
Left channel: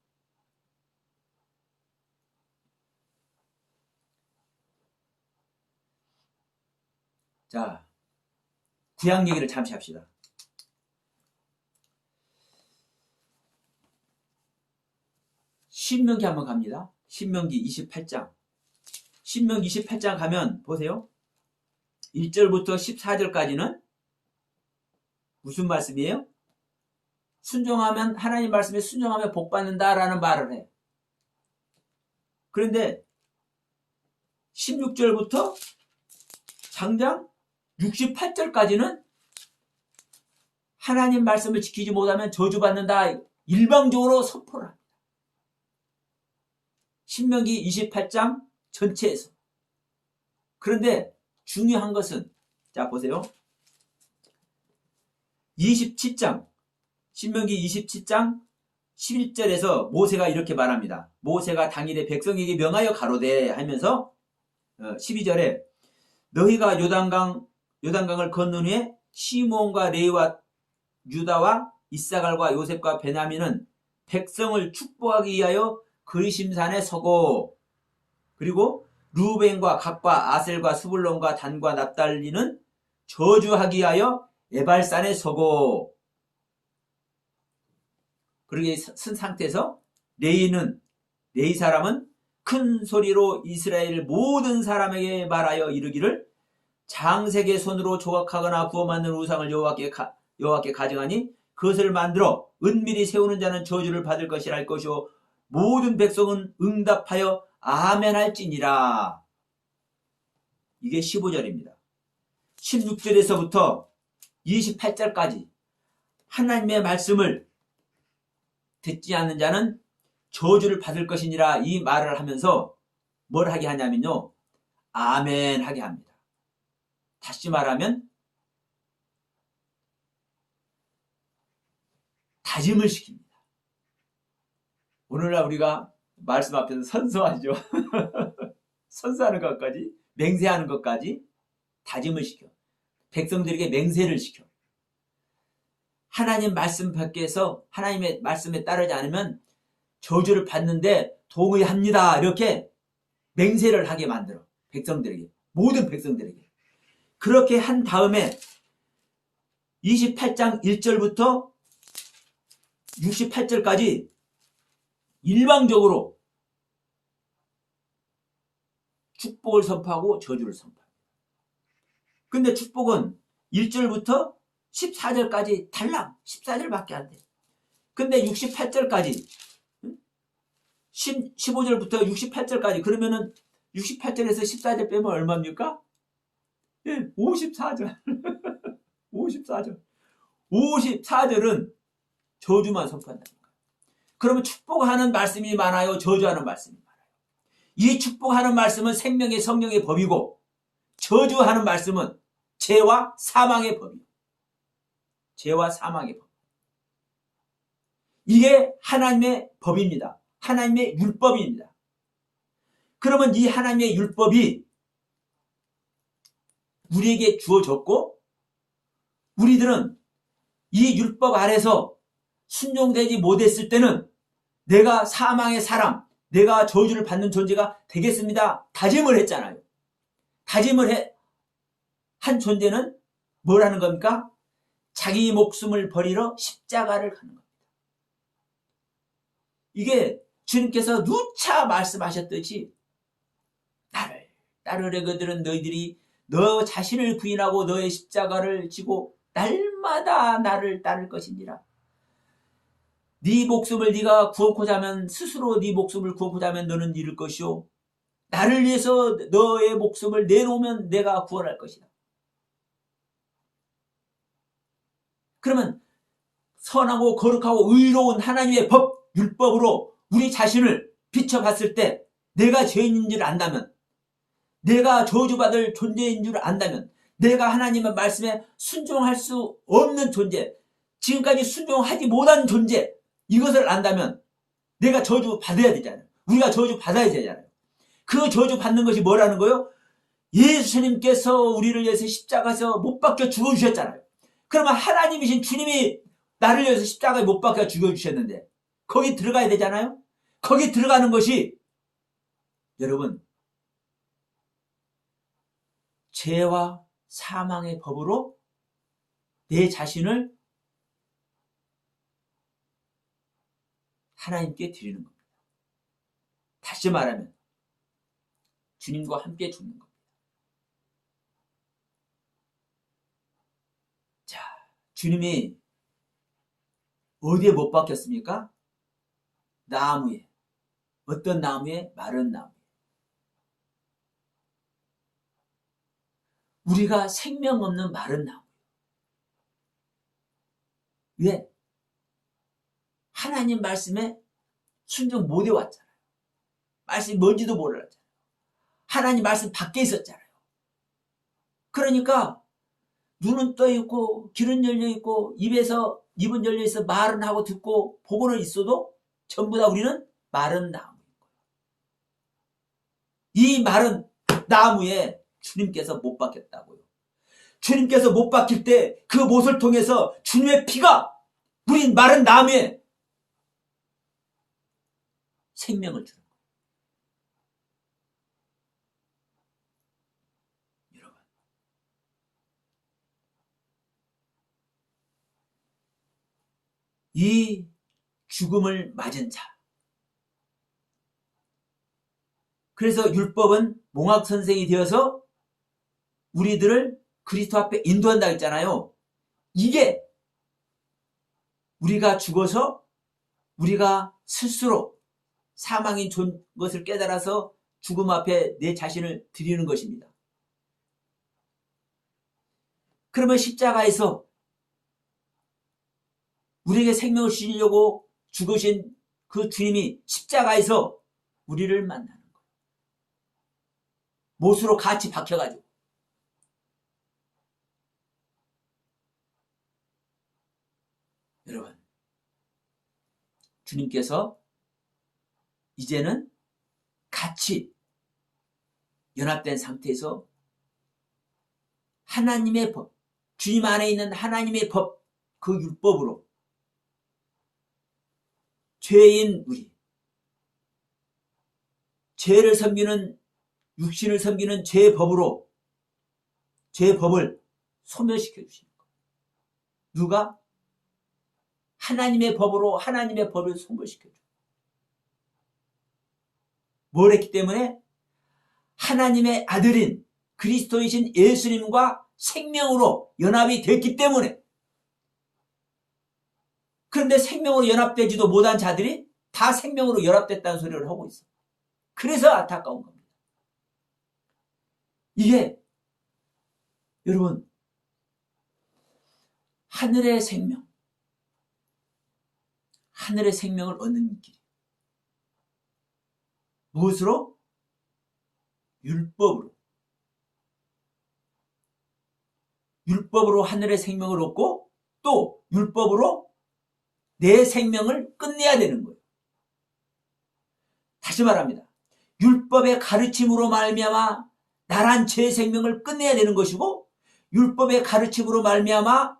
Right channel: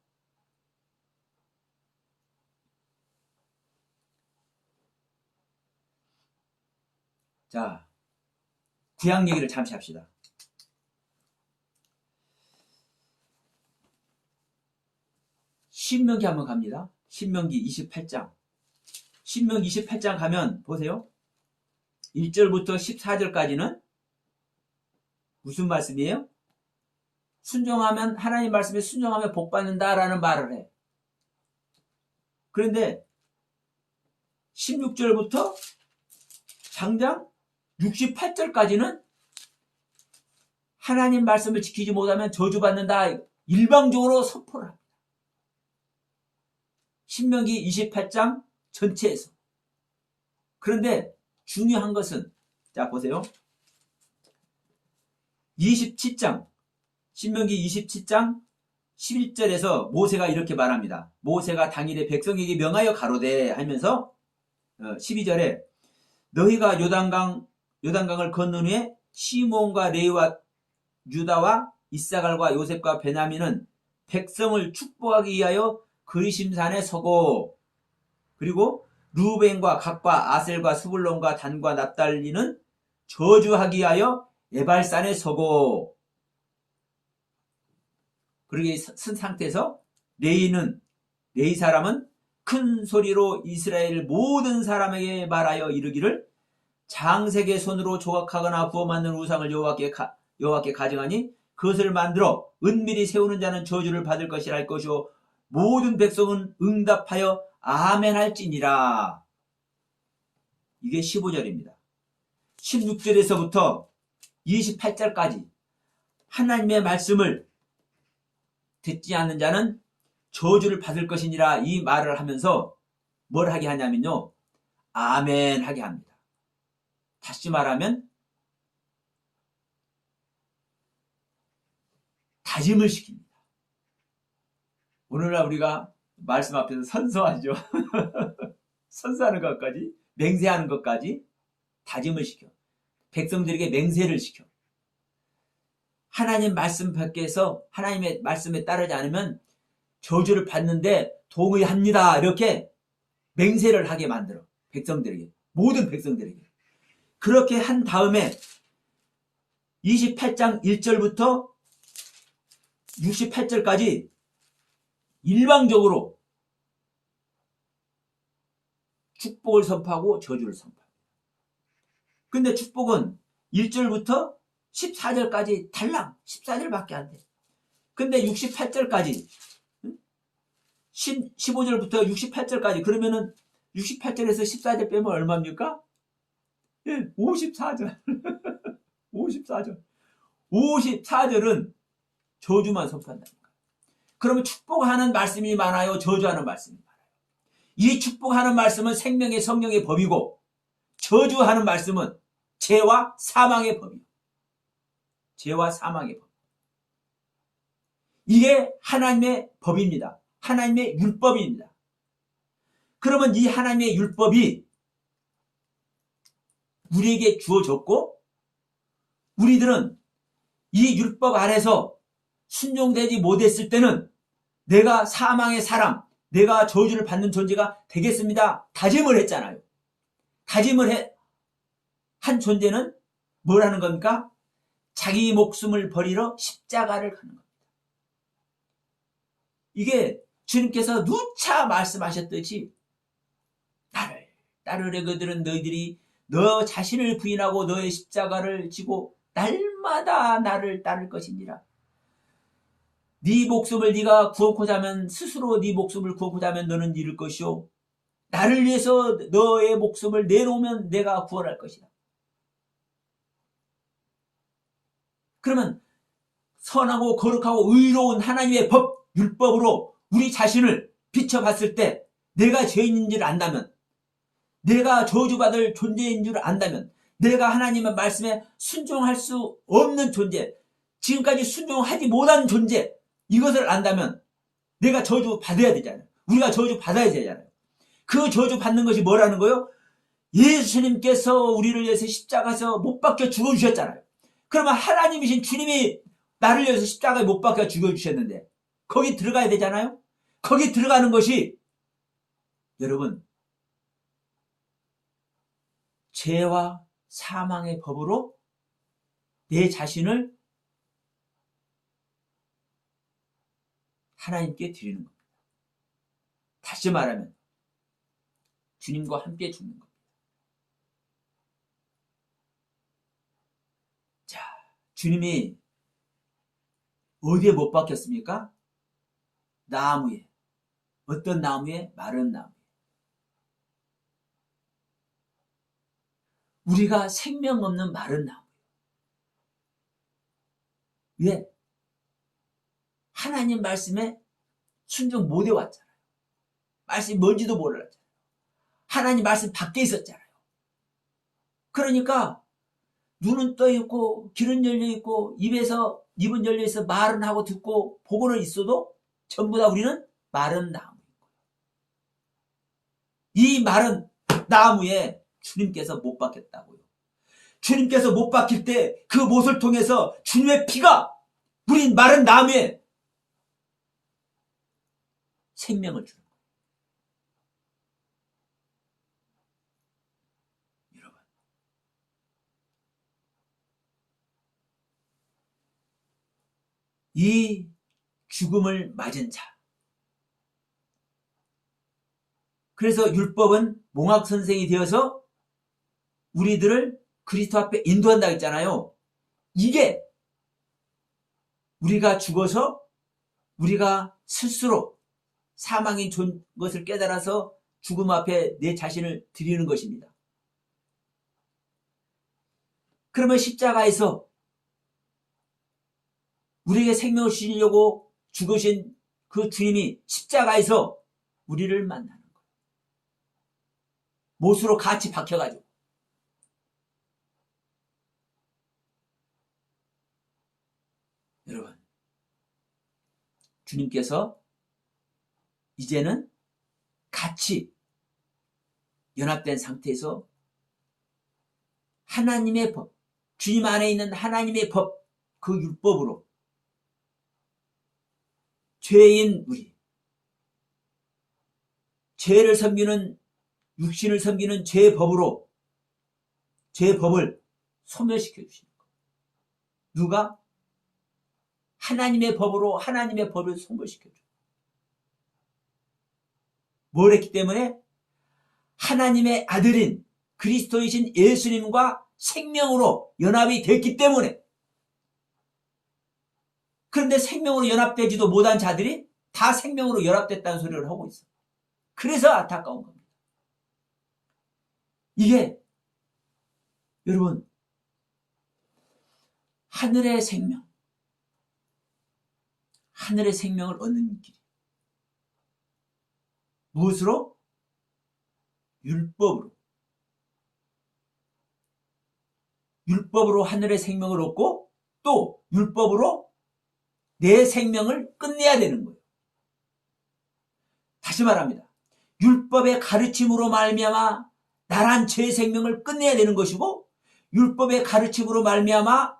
자, 구약 얘기를 잠시 합시다. 신명기 한번 갑니다. 신명기 28장. 신명기 28장 가면 보세요. 1절부터 14절까지는 무슨 말씀이에요? 순종하면, 하나님 말씀에 순종하면 복 받는다라는 말을 해. 그런데 16절부터 장장 68절까지는 하나님 말씀을 지키지 못하면 저주받는다, 일방적으로 선포를 합니다. 신명기 28장 전체에서. 그런데 중요한 것은, 자 보세요. 27장, 신명기 27장 11절에서 모세가 이렇게 말합니다. 모세가 당일에 백성에게 명하여 가로되 하면서 12절에 너희가 요단강을 건넌 후에 시므온과 레위와 유다와 이사갈과 요셉과 베냐민은 백성을 축복하기 위하여 그리심산에 서고, 그리고 루벤과 각과 아셀과 스불론과 단과 납달리는 저주하기 위하여 에발산에 서고, 그렇게 쓴 상태에서 레위 사람은 큰 소리로 이스라엘 모든 사람에게 말하여 이르기를 장색의 손으로 조각하거나 구워 만든 우상을 여호와께 가져가니 그것을 만들어 은밀히 세우는 자는 저주를 받을 것이라 할 것이요 모든 백성은 응답하여 아멘 할지니라. 이게 15절입니다. 16절에서부터 28절까지 하나님의 말씀을 듣지 않는 자는 저주를 받을 것이니라 이 말을 하면서 뭘 하게 하냐면요, 아멘 하게 합니다. 다시 말하면 다짐을 시킵니다. 오늘날 우리가 말씀 앞에서 선서하죠. 선서하는 것까지, 맹세하는 것까지 다짐을 시켜. 백성들에게 맹세를 시켜. 하나님 말씀 밖에서 하나님의 말씀에 따르지 않으면 저주를 받는데 동의합니다. 이렇게 맹세를 하게 만들어. 백성들에게, 모든 백성들에게. 그렇게 한 다음에 28장 1절부터 68절까지 일방적으로 축복을 선포하고 저주를 선포합니다. 근데 축복은 1절부터 14절까지 달랑 14절밖에 안 돼. 근데 68절까지 15절부터 68절까지 그러면은 68절에서 14절 빼면 얼마입니까? 예, 54절. 54절. 54절은 저주만 선포한다는 거예요. 그러면 축복하는 말씀이 많아요? 저주하는 말씀이 많아요? 이 축복하는 말씀은 생명의 성령의 법이고 저주하는 말씀은 죄와 사망의 법이에요. 죄와 사망의 법. 이게 하나님의 법입니다. 하나님의 율법입니다. 그러면 이 하나님의 율법이 우리에게 주어졌고 우리들은 이 율법 아래서 순종되지 못했을 때는 내가 사망의 사람, 내가 저주를 받는 존재가 되겠습니다. 다짐을 했잖아요. 다짐을 한 존재는 뭘 하는 겁니까? 자기 목숨을 버리러 십자가를 가는 겁니다. 이게 주님께서 누차 말씀하셨듯이 나를 따르려 그들은 너희들이 너 자신을 부인하고 너의 십자가를 지고 날마다 나를 따를 것이니라. 네 목숨을 네가 구원코자 하면 스스로 네 목숨을 구원코자 하면 너는 잃을 것이요 나를 위해서 너의 목숨을 내놓으면 내가 구원할 것이다. 그러면 선하고 거룩하고 의로운 하나님의 법, 율법으로 우리 자신을 비춰봤을 때 내가 죄인인 줄 안다면, 내가 저주받을 존재인 줄 안다면, 내가 하나님의 말씀에 순종할 수 없는 존재, 지금까지 순종하지 못한 존재, 이것을 안다면 내가 저주 받아야 되잖아요. 우리가 저주 받아야 되잖아요. 그 저주 받는 것이 뭐라는 거예요? 예수님께서 우리를 위해서 십자가에서 못 박혀 죽어주셨잖아요. 그러면 하나님이신 주님이 나를 위해서 십자가에 못 박혀 죽여주셨는데 거기 들어가야 되잖아요. 거기 들어가는 것이 여러분 죄와 사망의 법으로 내 자신을 하나님께 드리는 겁니다. 다시 말하면 주님과 함께 죽는 겁니다. 자, 주님이 어디에 못 박혔습니까? 나무에. 어떤 나무에? 마른 나무에. 우리가 생명 없는 마른 나무. 왜? 하나님 말씀에 순종 못 해왔잖아요. 말씀이 뭔지도 몰랐잖아요. 하나님 말씀 밖에 있었잖아요. 그러니까 눈은 떠 있고 귀는 열려 있고 입에서 입은 열려있어 말은 하고 듣고 보고는 있어도 전부 다 우리는 마른 나무. 이 마른 나무에 주님께서 못 박혔다고요. 주님께서 못 박힐 때 그 못을 통해서 주님의 피가 우리 마른 나무에 생명을 주는 거예요. 여러분, 이 죽음을 맞은 자, 그래서 율법은 몽학 선생이 되어서 우리들을 그리스도 앞에 인도한다 했잖아요. 이게 우리가 죽어서 우리가 스스로 사망이 존 것을 깨달아서 죽음 앞에 내 자신을 드리는 것입니다. 그러면 십자가에서 우리에게 생명을 주시려고 죽으신 그 주님이 십자가에서 우리를 만나는 거예요. 못으로 같이 박혀가지고. 여러분, 주님께서 이제는 같이 연합된 상태에서 하나님의 법, 주님 안에 있는 하나님의 법, 그 율법으로 죄인 우리, 죄를 섬기는, 육신을 섬기는 죄의 법으로, 죄의 법을 소멸시켜 주십니다. 누가? 하나님의 법으로 하나님의 법을 소멸시켜 줘. 뭘 했기 때문에? 하나님의 아들인 그리스도이신 예수님과 생명으로 연합이 됐기 때문에. 그런데 생명으로 연합되지도 못한 자들이 다 생명으로 연합됐다는 소리를 하고 있어. 그래서 안타까운 겁니다. 이게 여러분, 하늘의 생명, 하늘의 생명을 얻는 길. 무엇으로? 율법으로. 율법으로 하늘의 생명을 얻고 또 율법으로 내 생명을 끝내야 되는 거예요. 다시 말합니다. 율법의 가르침으로 말미암아 나란 죄의 생명을 끝내야 되는 것이고, 율법의 가르침으로 말미암아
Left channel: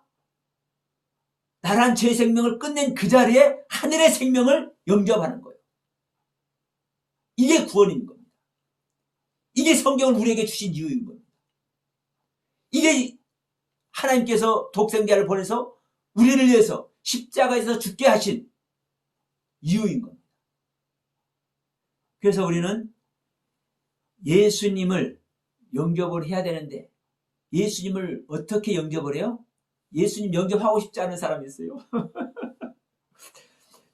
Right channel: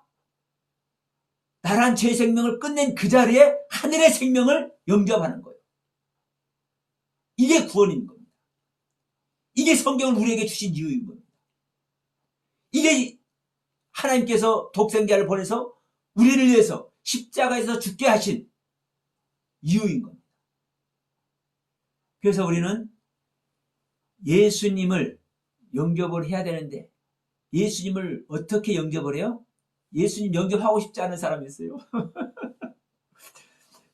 나란 죄의 생명을 끝낸 그 자리에 하늘의 생명을 영접하는 거예요. 이게 구원인 겁니다. 이게 성경을 우리에게 주신 이유인 겁니다. 이게 하나님께서 독생자를 보내서 우리를 위해서 십자가에서 죽게 하신 이유인 겁니다. 그래서 우리는 예수님을 영접을 해야 되는데, 예수님을 어떻게 영접을 해요? 예수님 영접하고 싶지 않은 사람이 있어요.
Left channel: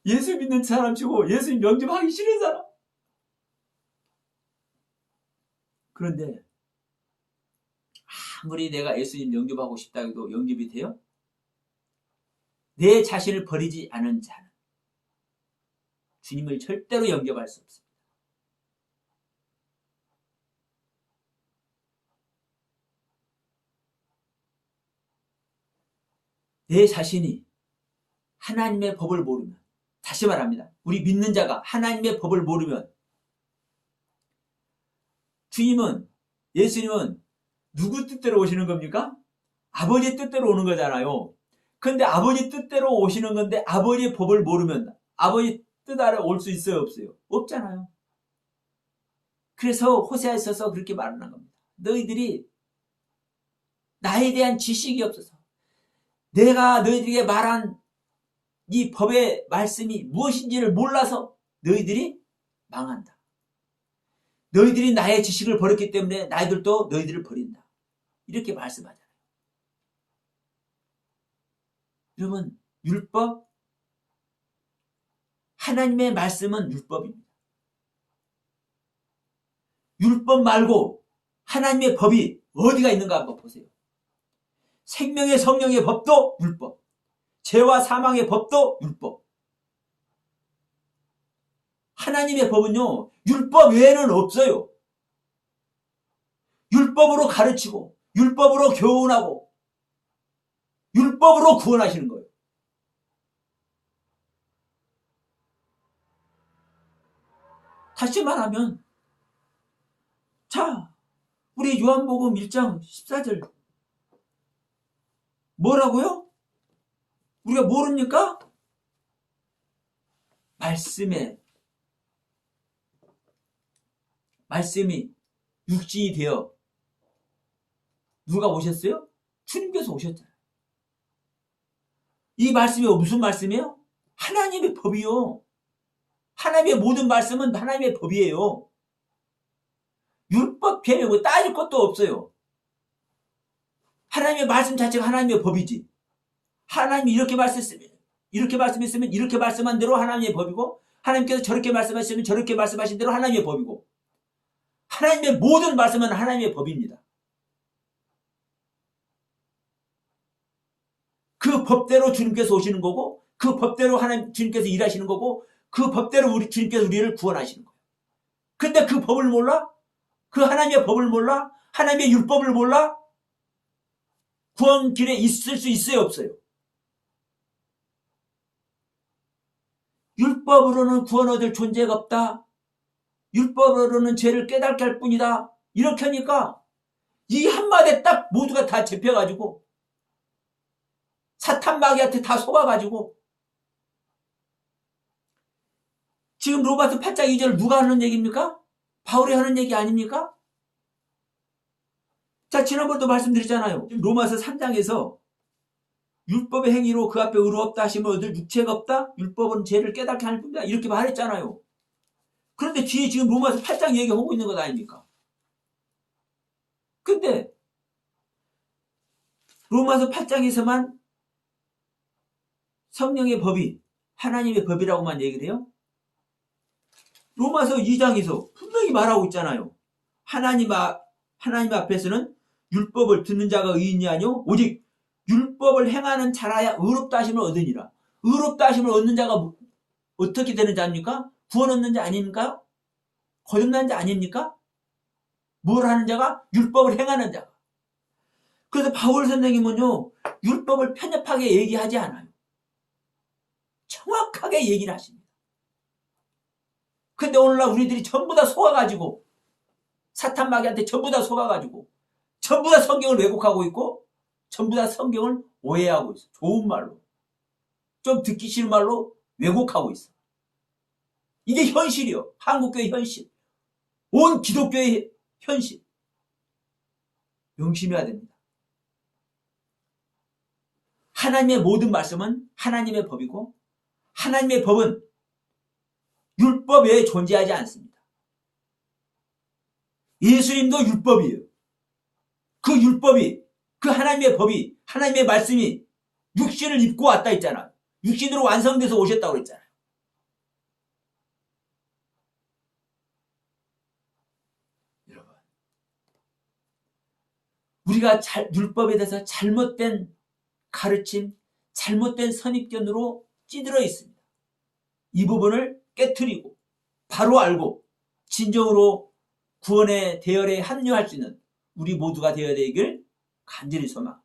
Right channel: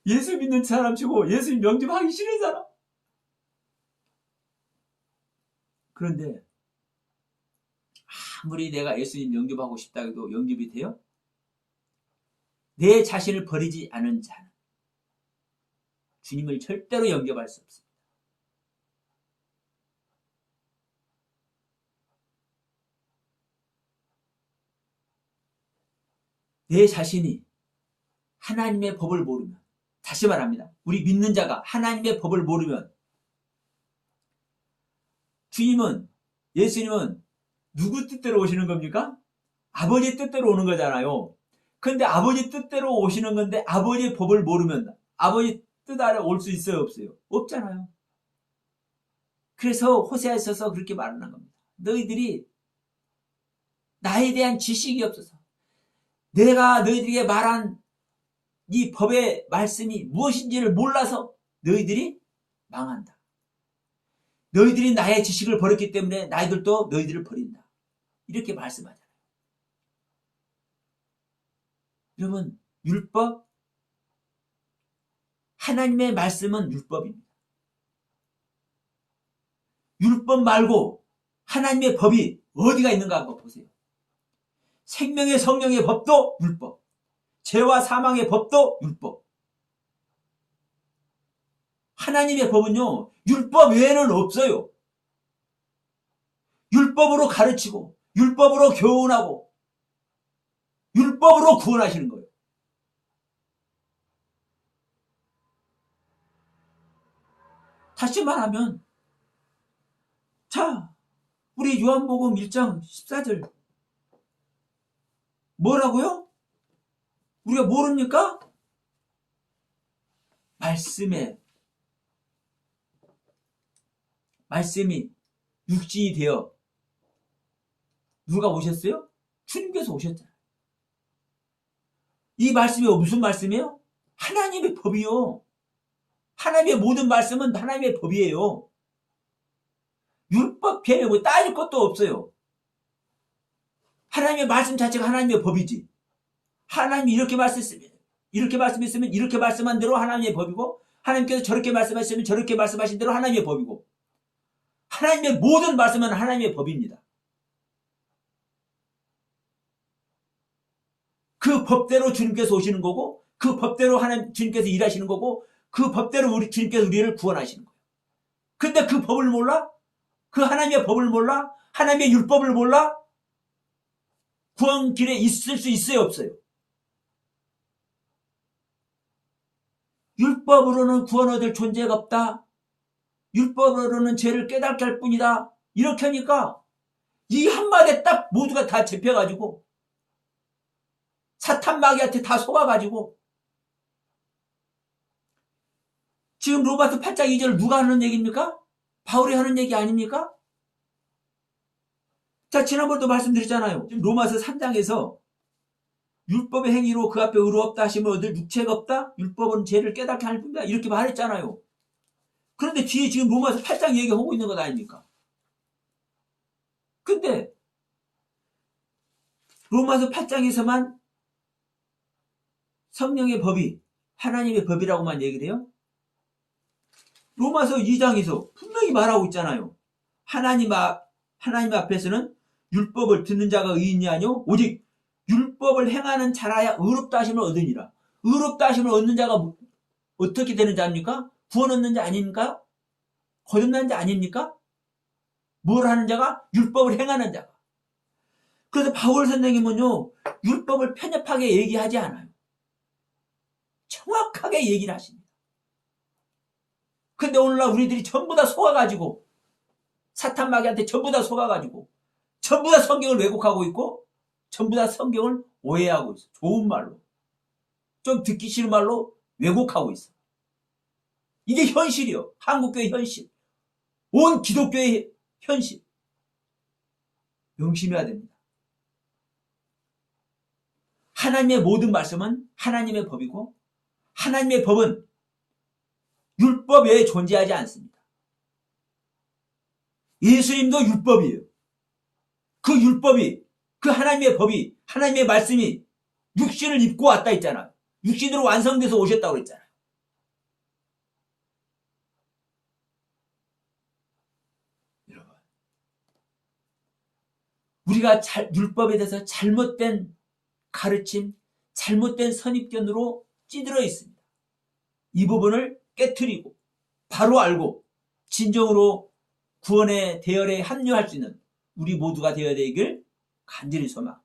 예수 믿는 사람 치고 예수님 영접하기 싫은 사람. 그런데 아무리 내가 예수님 영접하고 싶다 해도 영접이 돼요? 내 자신을 버리지 않은 자는 주님을 절대로 영접할 수 없습니다. 내 자신이 하나님의 법을 모르면, 다시 말합니다. 우리 믿는 자가 하나님의 법을 모르면, 주님은, 예수님은 누구 뜻대로 오시는 겁니까? 아버지 뜻대로 오는 거잖아요. 그런데 아버지 뜻대로 오시는 건데 아버지의 법을 모르면 아버지 뜻 아래 올 수 있어요, 없어요? 없잖아요. 그래서 호세아에 있어서 그렇게 말하는 겁니다. 너희들이 나에 대한 지식이 없어서, 내가 너희들에게 말한 이 법의 말씀이 무엇인지를 몰라서 너희들이 망한다. 너희들이 나의 지식을 버렸기 때문에 나희들도 너희들을 버린다. 이렇게 말씀하잖아요. 여러분, 율법, 하나님의 말씀은 율법입니다. 율법 말고 하나님의 법이 어디가 있는가 한번 보세요. 생명의 성령의 법도 율법, 죄와 사망의 법도 율법. 하나님의 법은요, 율법 외에는 없어요. 율법으로 가르치고 율법으로 교훈하고 율법으로 구원하시는 거예요. 다시 말하면, 자, 우리 요한복음 1장 14절 뭐라고요? 우리가 모릅니까? 말씀이 육신이 되어 누가 오셨어요? 주님께서 오셨잖아요. 이 말씀이 무슨 말씀이에요? 하나님의 법이요. 하나님의 모든 말씀은 하나님의 법이에요. 율법 개념 따질 것도 없어요. 하나님의 말씀 자체가 하나님의 법이지. 하나님이 이렇게 말씀했으면 이렇게 말씀한 대로 하나님의 법이고, 하나님께서 저렇게 말씀하시면 저렇게 말씀하신 대로 하나님의 법이고, 하나님의 모든 말씀은 하나님의 법입니다. 그 법대로 주님께서 오시는 거고, 그 법대로 하나님 주님께서 일하시는 거고, 그 법대로 우리 주님께서 우리를 구원하시는 거예요. 근데 그 법을 몰라? 그 하나님의 법을 몰라? 하나님의 율법을 몰라? 구원 길에 있을 수 있어요, 없어요? 율법으로는 구원 얻을 존재가 없다. 율법으로는 죄를 깨닫게 할 뿐이다. 이렇게 하니까 이 한마디에 딱 모두가 다 잡혀가지고 사탄 마귀한테 다 속아가지고, 지금 로마서 8장 2절 누가 하는 얘기입니까? 바울이 하는 얘기 아닙니까? 자, 지난번도 말씀드렸잖아요. 로마서 3장에서 율법의 행위로 그 앞에 의로 없다 하시면 얻을 육체가 없다? 율법은 죄를 깨닫게 할 뿐이다. 이렇게 말했잖아요. 그런데 뒤에 지금 로마서 8장 얘기하고 있는 것 아닙니까? 근데 로마서 8장에서만 성령의 법이 하나님의 법이라고만 얘기를 해요? 로마서 2장에서 분명히 말하고 있잖아요. 하나님 앞에서는 율법을 듣는 자가 의인이 아니요 오직 율법을 행하는 자라야 의롭다 하심을 얻으니라. 의롭다 하심을 얻는 자가 어떻게 되는 자입니까? 구원 얻는 자 아닙니까? 거듭난 자 아닙니까? 뭘 하는 자가? 율법을 행하는 자가. 그래서 바울 선생님은요, 율법을 편협하게 얘기하지 않아요. 정확하게 얘기를 하십니다. 근데 오늘날 우리들이 전부 다 속아가지고, 사탄 마귀한테 전부 다 속아가지고, 전부 다 성경을 왜곡하고 있고, 전부 다 성경을 오해하고 있어. 좋은 말로. 좀 듣기 싫은 말로 왜곡하고 있어. 이게 현실이요. 한국교회 현실. 온 기독교의 현실. 명심해야 됩니다. 하나님의 모든 말씀은 하나님의 법이고, 하나님의 법은 율법 외에 존재하지 않습니다. 예수님도 율법이에요. 그 율법이, 그 하나님의 법이, 하나님의 말씀이 육신을 입고 왔다 했잖아. 육신으로 완성돼서 오셨다고 그랬잖아요. 여러분, 우리가 율법에 대해서 잘못된 가르침, 잘못된 선입견으로 찌들어 있습니다. 이 부분을 깨트리고 바로 알고 진정으로 구원의 대열에 합류할 수 있는 우리 모두가 되어야 되길 간절히 소망합니다.